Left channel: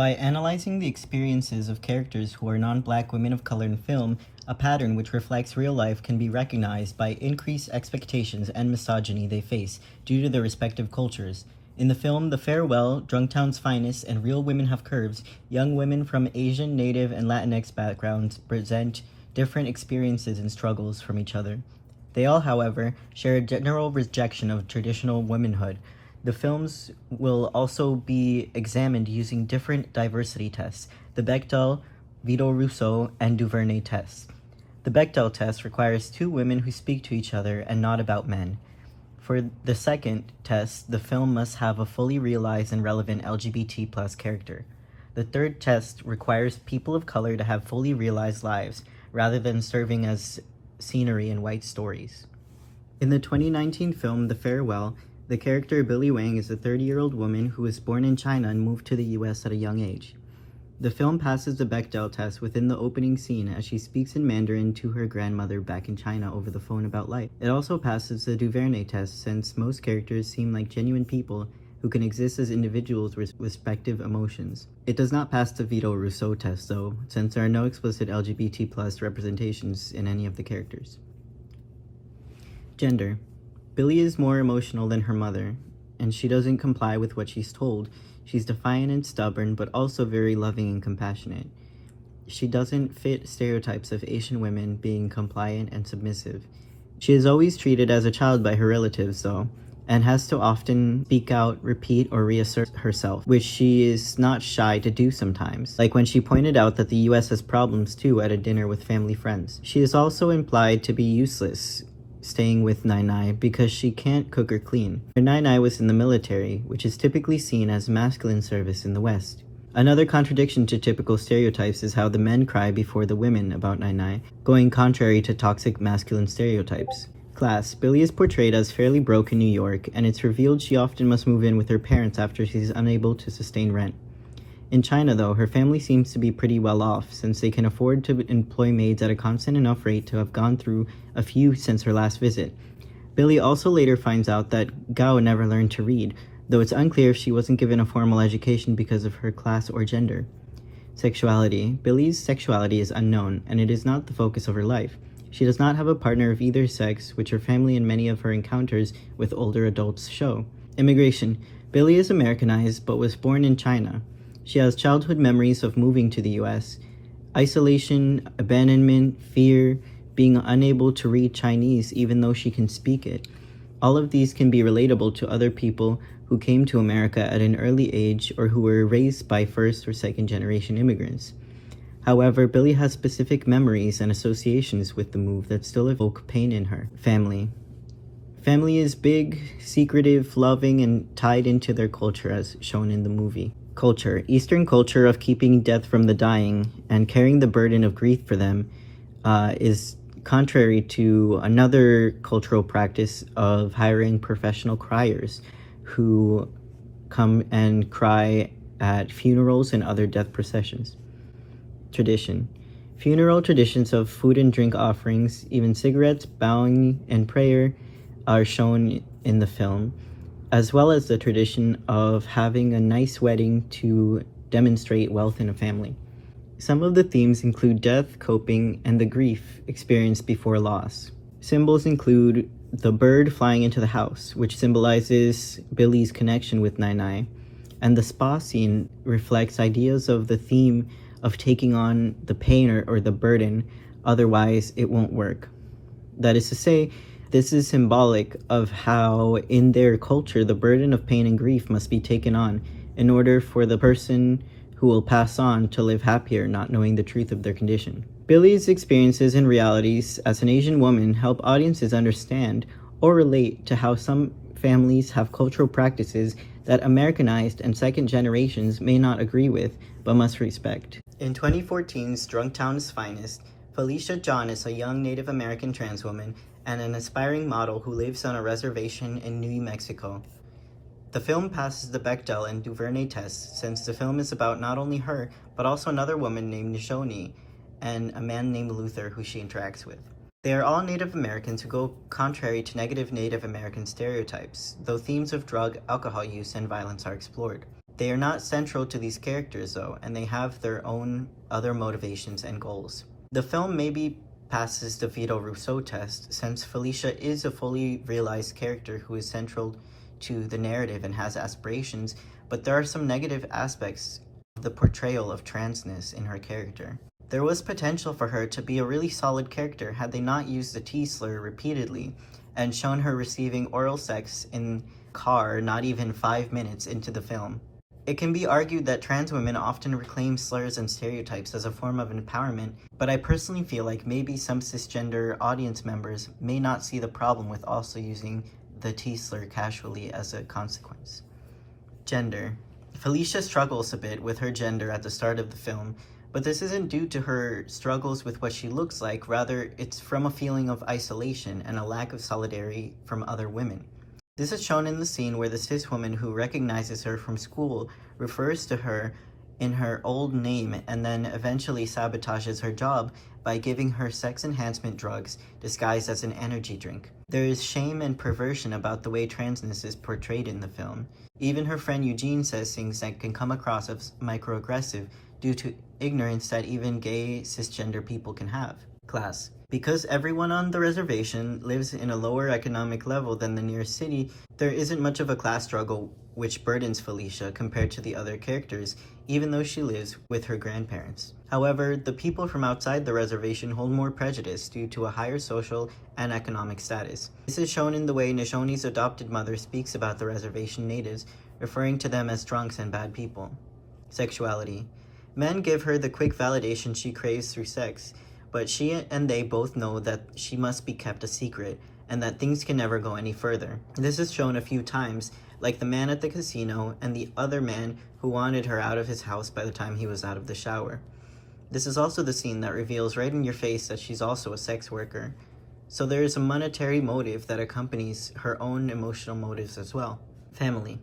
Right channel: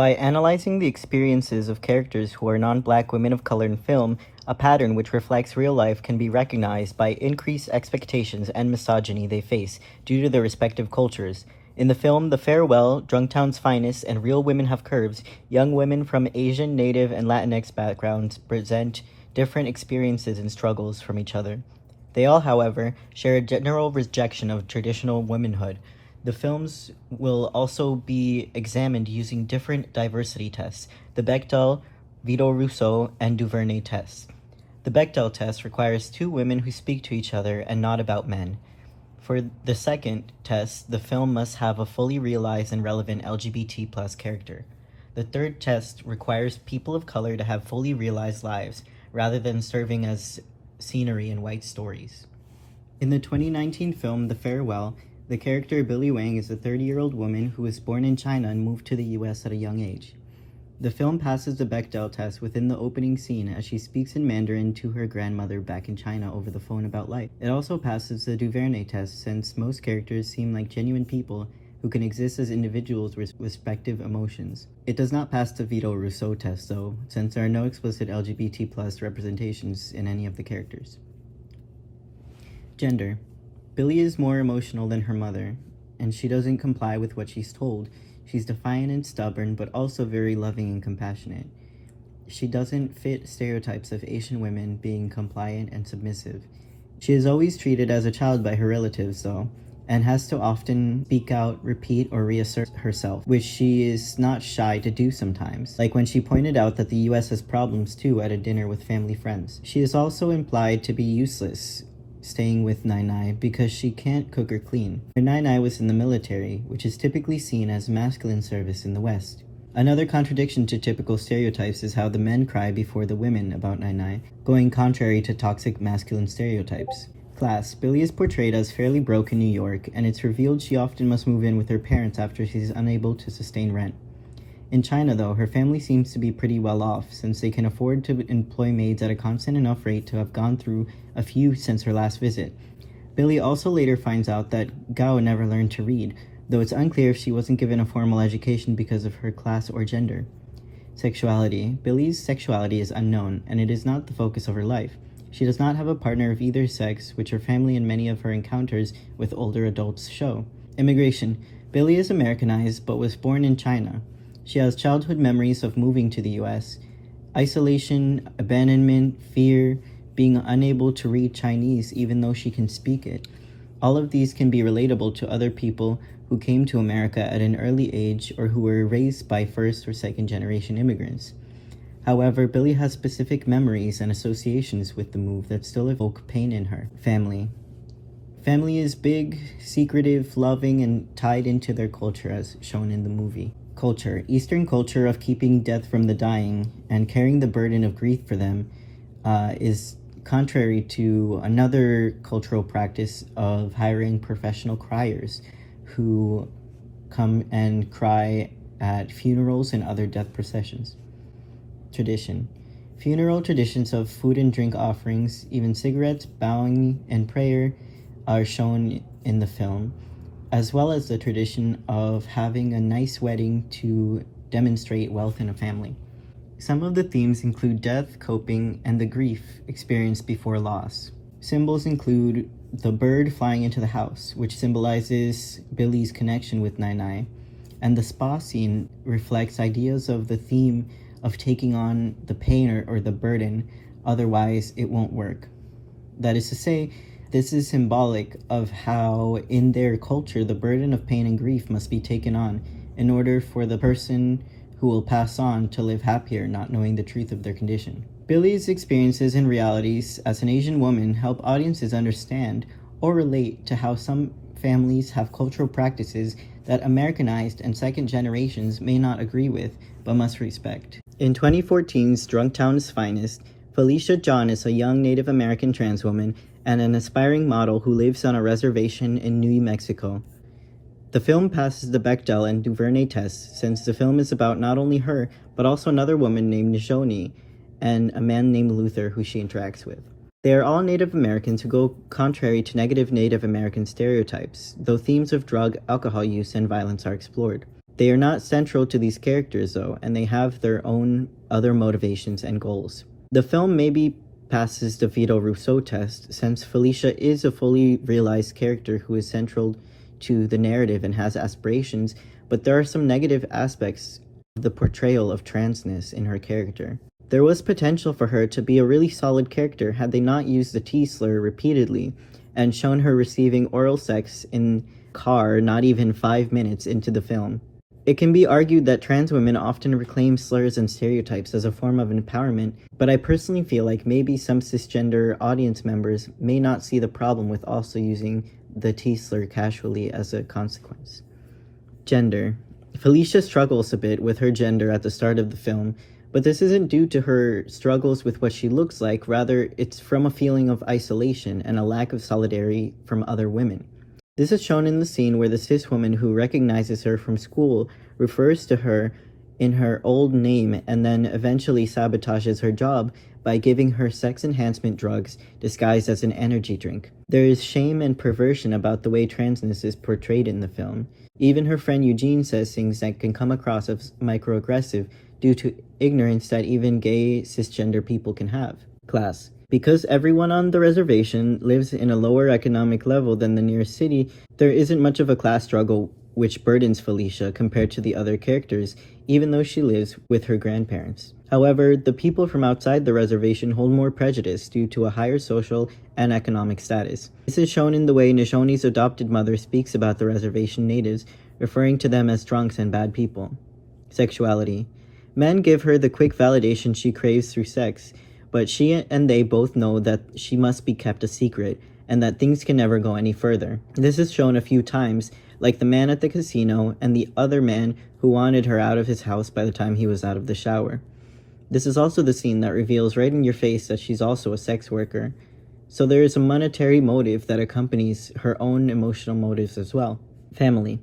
By analyzing the experiences of characters who are non-black women of color in film, a pattern which reflects real life can be recognized by increased expectations and misogyny they face due to their respective cultures. In the film The Farewell, Drunktown's Finest, and Real Women Have Curves, young women from Asian, Native, and Latinx backgrounds present different experiences and struggles from each other. They all, however, share a general rejection of traditional womanhood. The films will also be examined using different diversity tests, the Bechdel, Vito-Russo, and Duvernay tests. The Bechdel test requires two women who speak to each other and not about men. For the second test, the film must have a fully realized and relevant LGBT+ character. The third test requires people of color to have fully realized lives, rather than serving as scenery in white stories. In the 2019 film The Farewell, the character Billy Wang is a 30-year-old woman who was born in China and moved to the US at a young age. The film passes the Bechdel test within the opening scene as she speaks in Mandarin to her grandmother back in China over the phone about life. It also passes the Duvernay test since most characters seem like genuine people who can exist as individuals with respective emotions. It does not pass the Vito-Russo test though, since there are no explicit LGBT+ representations in any of the characters. Gender. Billy is more emotional than her mother, and she doesn't comply with what she's told. She's defiant and stubborn, but also very loving and compassionate. She doesn't fit stereotypes of Asian women being compliant and submissive. She is always treated as a child by her relatives, though, and has to often speak out, repeat, or reassert herself, which she is not shy to do sometimes, like when she pointed out that the US has problems too at a dinner with family friends. She is also implied to be useless, staying with Nai because she can't cook or clean. Her Nai was in the military, which is typically seen as masculine service in the West. Another contradiction to typical stereotypes is how the men cry before the women about Nai, going contrary to toxic masculine stereotypes. Class. Billy is portrayed as fairly broke in New York, and it's revealed she often must move in with her parents after she's unable to sustain rent. In China, though, her family seems to be pretty well off, since they can afford to employ maids at a constant enough rate to have gone through a few since her last visit. Billy also later finds out that Gao never learned to read, though it's unclear if she wasn't given a formal education because of her class or gender. Sexuality. Billy's sexuality is unknown, and it is not the focus of her life. She does not have a partner of either sex, which her family and many of her encounters with older adults show. Immigration. Billy is Americanized, but was born in China. She has childhood memories of moving to the US, isolation, abandonment, fear, being unable to read Chinese even though she can speak it. All of these can be relatable to other people who came to America at an early age or who were raised by first or second generation immigrants. However, Billy has specific memories and associations with the move that still evoke pain in her. Family. Family is big, secretive, loving, and tied into their culture as shown in the movie. Culture. Eastern culture of keeping death from the dying and carrying the burden of grief for them is contrary to another cultural practice of hiring professional criers who come and cry at funerals and other death processions. Tradition. Funeral traditions of food and drink offerings, even cigarettes, bowing, and prayer are shown in the film, as well as the tradition of having a nice wedding to demonstrate wealth in a family. Some of the themes include death, coping, and the grief experienced before loss. Symbols include the bird flying into the house, which symbolizes Billy's connection with Nai, and the spa scene reflects ideas of the theme of taking on the pain or the burden, otherwise it won't work. That is to say, this is symbolic of how in their culture the burden of pain and grief must be taken on in order for the person who will pass on to live happier, not knowing the truth of their condition. Billy's experiences and realities as an Asian woman help audiences understand or relate to how some families have cultural practices that Americanized and second generations may not agree with, but must respect. In 2014's Drunktown's Finest, Felicia John is a young Native American trans woman and an aspiring model who lives on a reservation in New Mexico. The film passes the Bechdel and Duvernay tests since the film is about not only her, but also another woman named Misogyny and a man named Luther who she interacts with. They are all Native Americans who go contrary to negative Native American stereotypes, though themes of drug, alcohol use, and violence are explored. They are not central to these characters though, and they have their own other motivations and goals. The film maybe passes the Vito Rousseau test, since Felicia is a fully realized character who is central to the narrative and has aspirations, but there are some negative aspects of the portrayal of transness in her character. There was potential for her to be a really solid character had they not used the T slur repeatedly and shown her receiving oral sex in car not even 5 minutes into the film. It can be argued that trans women often reclaim slurs and stereotypes as a form of empowerment, but I personally feel like maybe some cisgender audience members may not see the problem with also using the T slur casually as a consequence. Gender. Felicia struggles a bit with her gender at the start of the film, but this isn't due to her struggles with what she looks like, rather it's from a feeling of isolation and a lack of solidarity from other women. This is shown in the scene where the cis woman who recognizes her from school refers to her in her old name and then eventually sabotages her job by giving her sex enhancement drugs disguised as an energy drink. There is shame and perversion about the way transness is portrayed in the film. Even her friend Eugene says things that can come across as microaggressive due to ignorance that even gay cisgender people can have. Class. Because everyone on the reservation lives in a lower economic level than the nearest city, there isn't much of a class struggle which burdens Felicia compared to the other characters, even though she lives with her grandparents. However, the people from outside the reservation hold more prejudice due to a higher social and economic status. This is shown in the way Nishoni's adopted mother speaks about the reservation natives, referring to them as drunks and bad people. Sexuality. Men give her the quick validation she craves through sex, but she and they both know that she must be kept a secret, and that things can never go any further. This is shown a few times, like the man at the casino and the other man who wanted her out of his house by the time he was out of the shower. This is also the scene that reveals right in your face that she's also a sex worker. So there is a monetary motive that accompanies her own emotional motives as well. Family.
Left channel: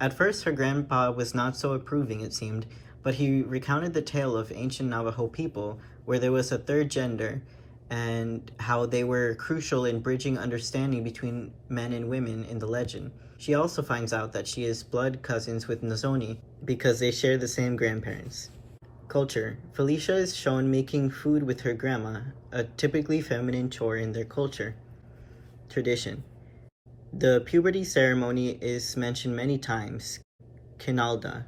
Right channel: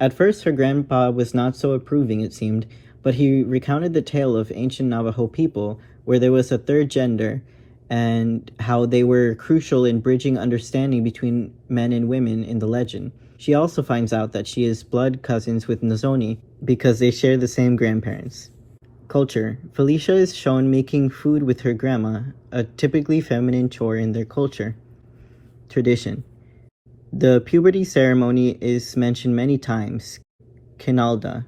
At first, her grandpa was not so approving, it seemed, but he recounted the tale of ancient Navajo people where there was a third gender and how they were crucial in bridging understanding between men and women in the legend. She also finds out that she is blood cousins with Nozoni because they share the same grandparents. Culture. Felicia is shown making food with her grandma, a typically feminine chore in their culture. Tradition. The puberty ceremony is mentioned many times, Kinalda.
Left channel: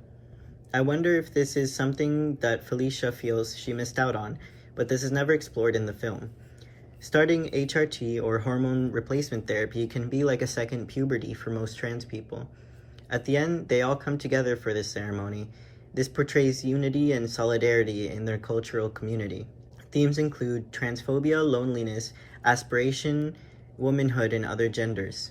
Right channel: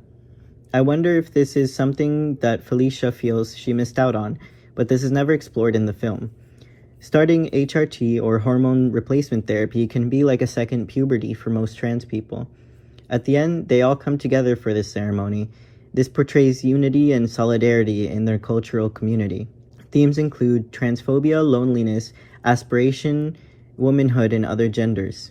I wonder if this is something that Felicia feels she missed out on, but this is never explored in the film. Starting HRT or hormone replacement therapy can be like a second puberty for most trans people. At the end, they all come together for this ceremony. This portrays unity and solidarity in their cultural community. Themes include transphobia, loneliness, aspiration, womanhood, and other genders.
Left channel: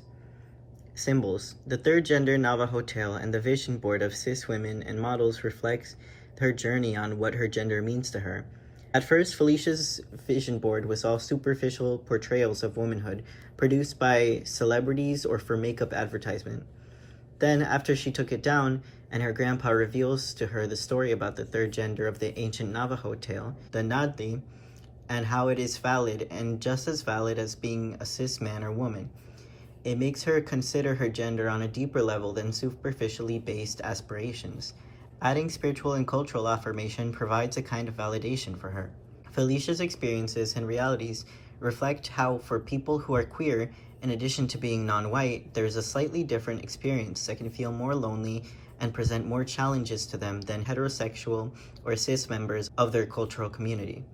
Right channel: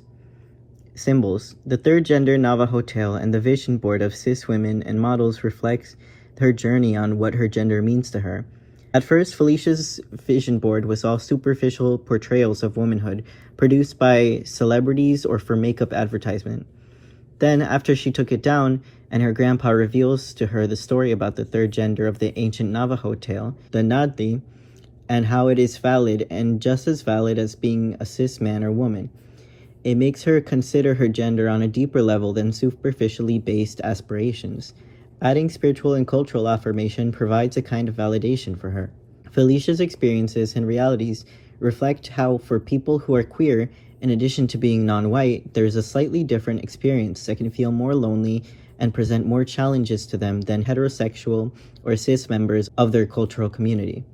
Symbols. The third gender Navajo tale and the vision board of cis women and models reflects her journey on what her gender means to her. At first, Felicia's vision board was all superficial portrayals of womanhood, produced by celebrities or for makeup advertisement. Then, after she took it down, and her grandpa reveals to her the story about the third gender of the ancient Navajo tale, the Naddi, and how it is valid and just as valid as being a cis man or woman. It makes her consider her gender on a deeper level than superficially based aspirations. Adding spiritual and cultural affirmation provides a kind of validation for her. Felicia's experiences and realities reflect how, for people who are queer, in addition to being non-white, there's a slightly different experience that can feel more lonely and present more challenges to them than heterosexual or cis members of their cultural community.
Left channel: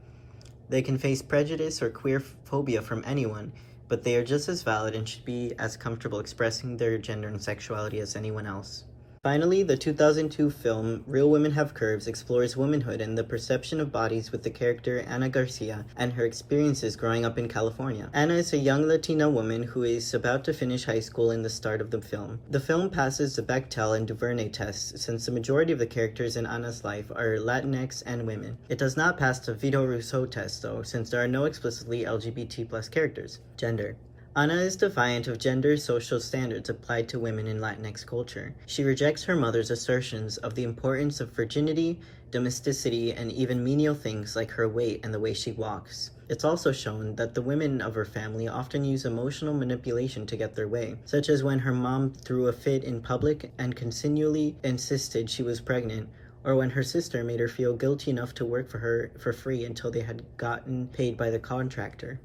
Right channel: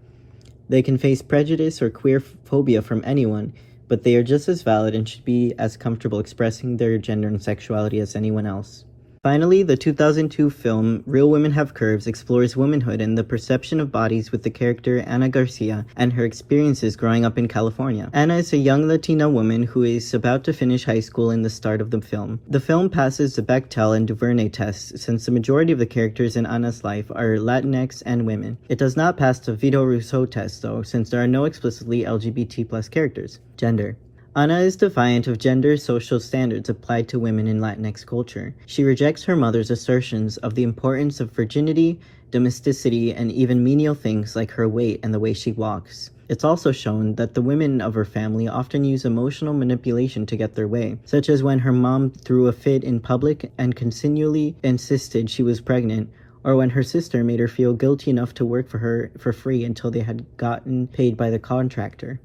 They can face prejudice or queer phobia from anyone, but they are just as valid and should be as comfortable expressing their gender and sexuality as anyone else. Finally, the 2002 film Real Women Have Curves explores womanhood and the perception of bodies with the character Ana Garcia and her experiences growing up in California. Ana is a young Latina woman who is about to finish high school in the start of the film. The film passes the Bechdel and Duvernay tests since the majority of the characters in Ana's life are Latinx and women. It does not pass the Vito Rousseau test though, since there are no explicitly LGBT+ characters. Gender. Ana is defiant of gender social standards applied to women in Latinx culture. She rejects her mother's assertions of the importance of virginity, domesticity, and even menial things like her weight and the way she walks. It's also shown that the women of her family often use emotional manipulation to get their way, such as when her mom threw a fit in public and continually insisted she was pregnant, or when her sister made her feel guilty enough to work for her for free until they had gotten paid by the contractor.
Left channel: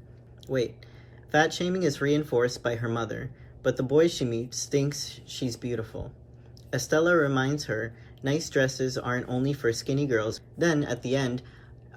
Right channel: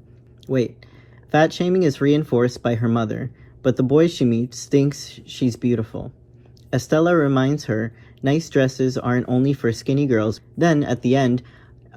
Wait, fat shaming is reinforced by her mother, but the boy she meets thinks she's beautiful. Estella reminds her nice dresses aren't only for skinny girls. Then, at the end,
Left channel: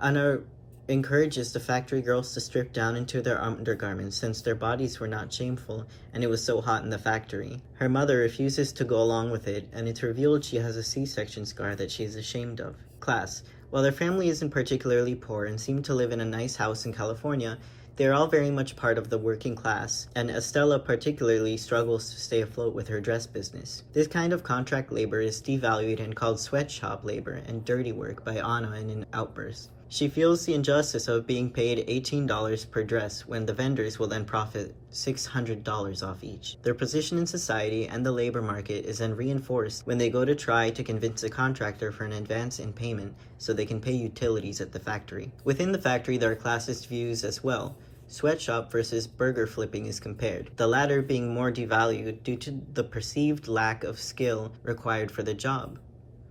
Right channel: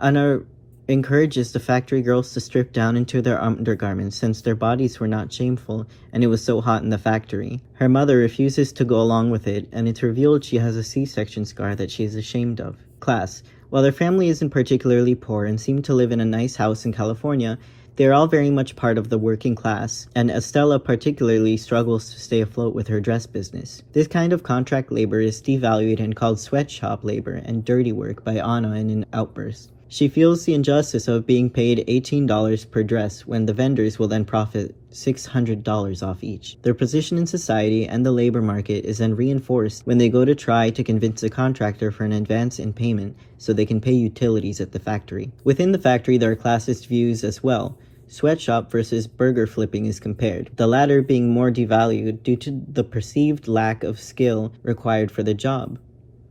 Anna encourages the factory girls to strip down into their undergarments since their bodies were not shameful and it was so hot in the factory. Her mother refuses to go along with it, and it's revealed she has a C-section scar that she is ashamed of. Class. While their family isn't particularly poor and seem to live in a nice house in California, they are all very much part of the working class, and Estella particularly struggles to stay afloat with her dress business. This kind of contract labor is devalued and called sweatshop labor and dirty work by Anna in an outburst. She feels the injustice of being paid $18 per dress when the vendors will then profit $600 off each. Their position in society and the labor market is then reinforced when they go to try to convince a contractor for an advance in payment so they can pay utilities at the factory. Within the factory, there are classist views as well. Sweatshop versus burger flipping is compared, the latter being more devalued due to the perceived lack of skill required for the job.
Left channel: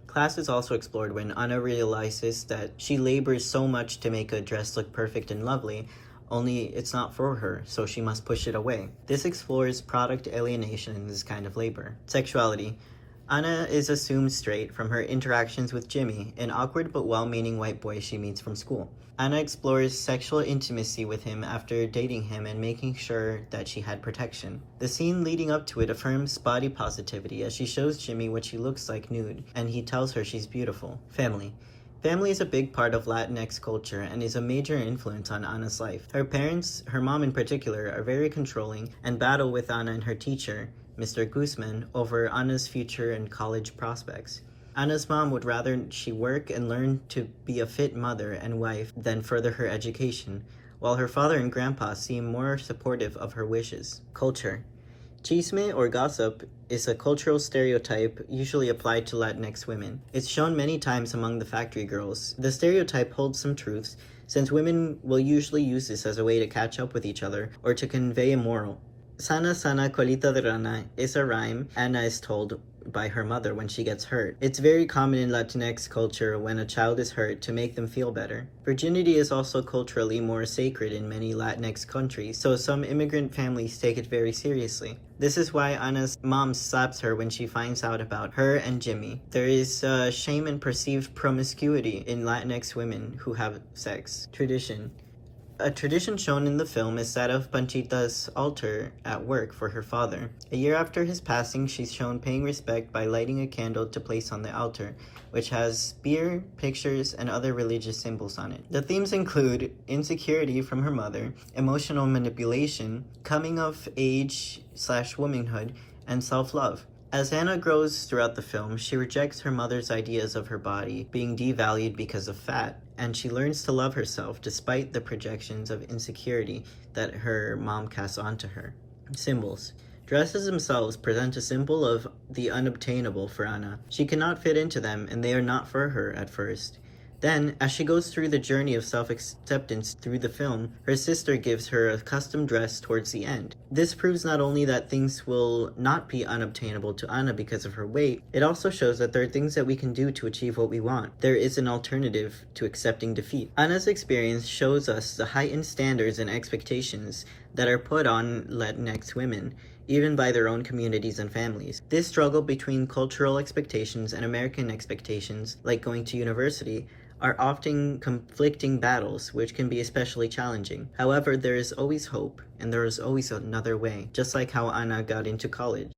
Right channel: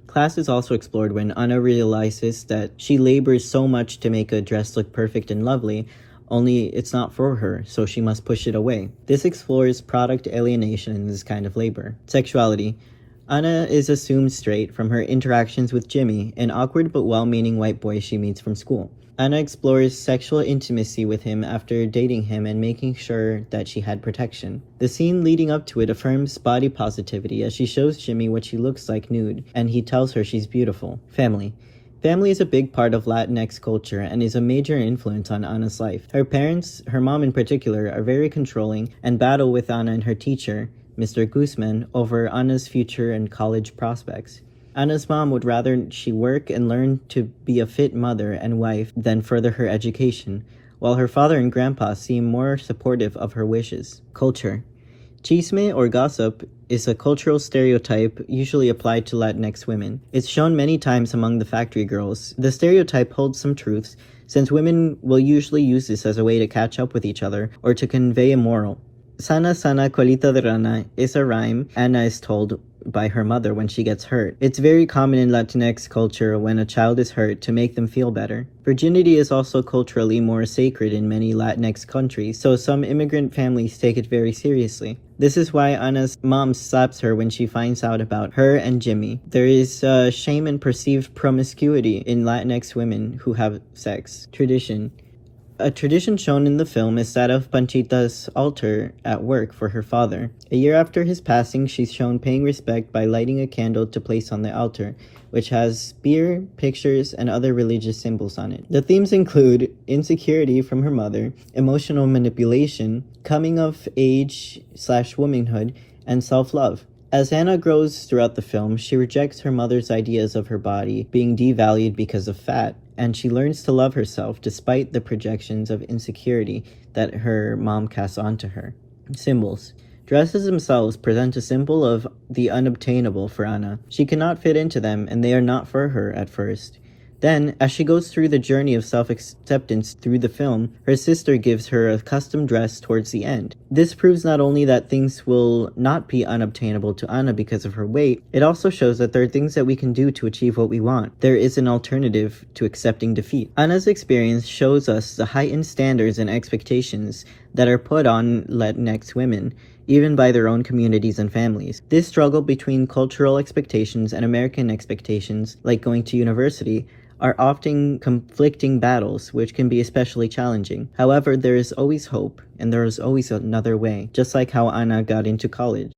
Class is also explored when Anna realizes that she labors so much to make a dress look perfect and lovely, only it's not for her, so she must push it away. This explores product alienation in this kind of labor. Sexuality. Anna is assumed straight from her interactions with Jimmy, an awkward but well-meaning white boy she meets from school. Anna explores sexual intimacy with him after dating him and making sure that she had protection. The scene leading up to it affirms body positivity as she shows Jimmy what she looks like nude, and he tells her she's beautiful. Family. Family is a big part of Latinx culture and is a major influence on Anna's life. Her parents, her mom in particular, are very controlling and battle with Anna and her teacher, Mr. Guzman, over Anna's future and college prospects. Anna's mom would rather she work and learn to be a fit mother and wife than further her education, while her father and grandpa seem more supportive of her wishes. Culture. Chisme or gossip is a cultural stereotype usually applied to Latinx women. It's shown many times among the factory girls. The stereotype holds some truths, since women will usually use this as a way to catch up with each other or to convey a moral. Sana sana colita de rana is a rhyme Anna is told by her mother when she gets hurt. It's very common in Latinx culture when a child is hurt to make them feel better. Virginity is also culturally more sacred in many Latinx countries, so some immigrant families take it very seriously. This is why Anna's mom slaps her when she finds out about her and Jimmy. There is shame and perceived promiscuity in Latinx women who have sex. Tradition. A tradition shown in the film is that of Panchita's altar at work for her father. A year after his passing, she's shown paying respect by lighting a candle to place on the altar, which has beer, pictures, and other religious symbols on it. The themes include insecurity from her mother, emotional manipulation, coming of age/womanhood, and self-love. As Anna grows throughout the film, she rejects her mother's ideas of her body being devalued because of fat, and she learns to love herself despite the projections of insecurity that her mom casts onto her. Symbols. Dresses themselves present a symbol of the unobtainable for Anna. She cannot fit into them, and they are not for her at first. Then, as she goes through the journey of self-acceptance through the film, her sister gives her a custom dress towards the end. This proves not only that things will not be unobtainable to Anna because of her weight, it also shows that there are things that we can do to achieve what we want. There is an alternative to accepting defeat. Anna's experience shows us the heightened standards and expectations that are put on Latinx women, even by their own communities and families. This struggle between cultural expectations and American expectations, like going to university, are often conflicting battles, which can be especially challenging. However, there is always hope, and there is always another way, just like how Anna got into college.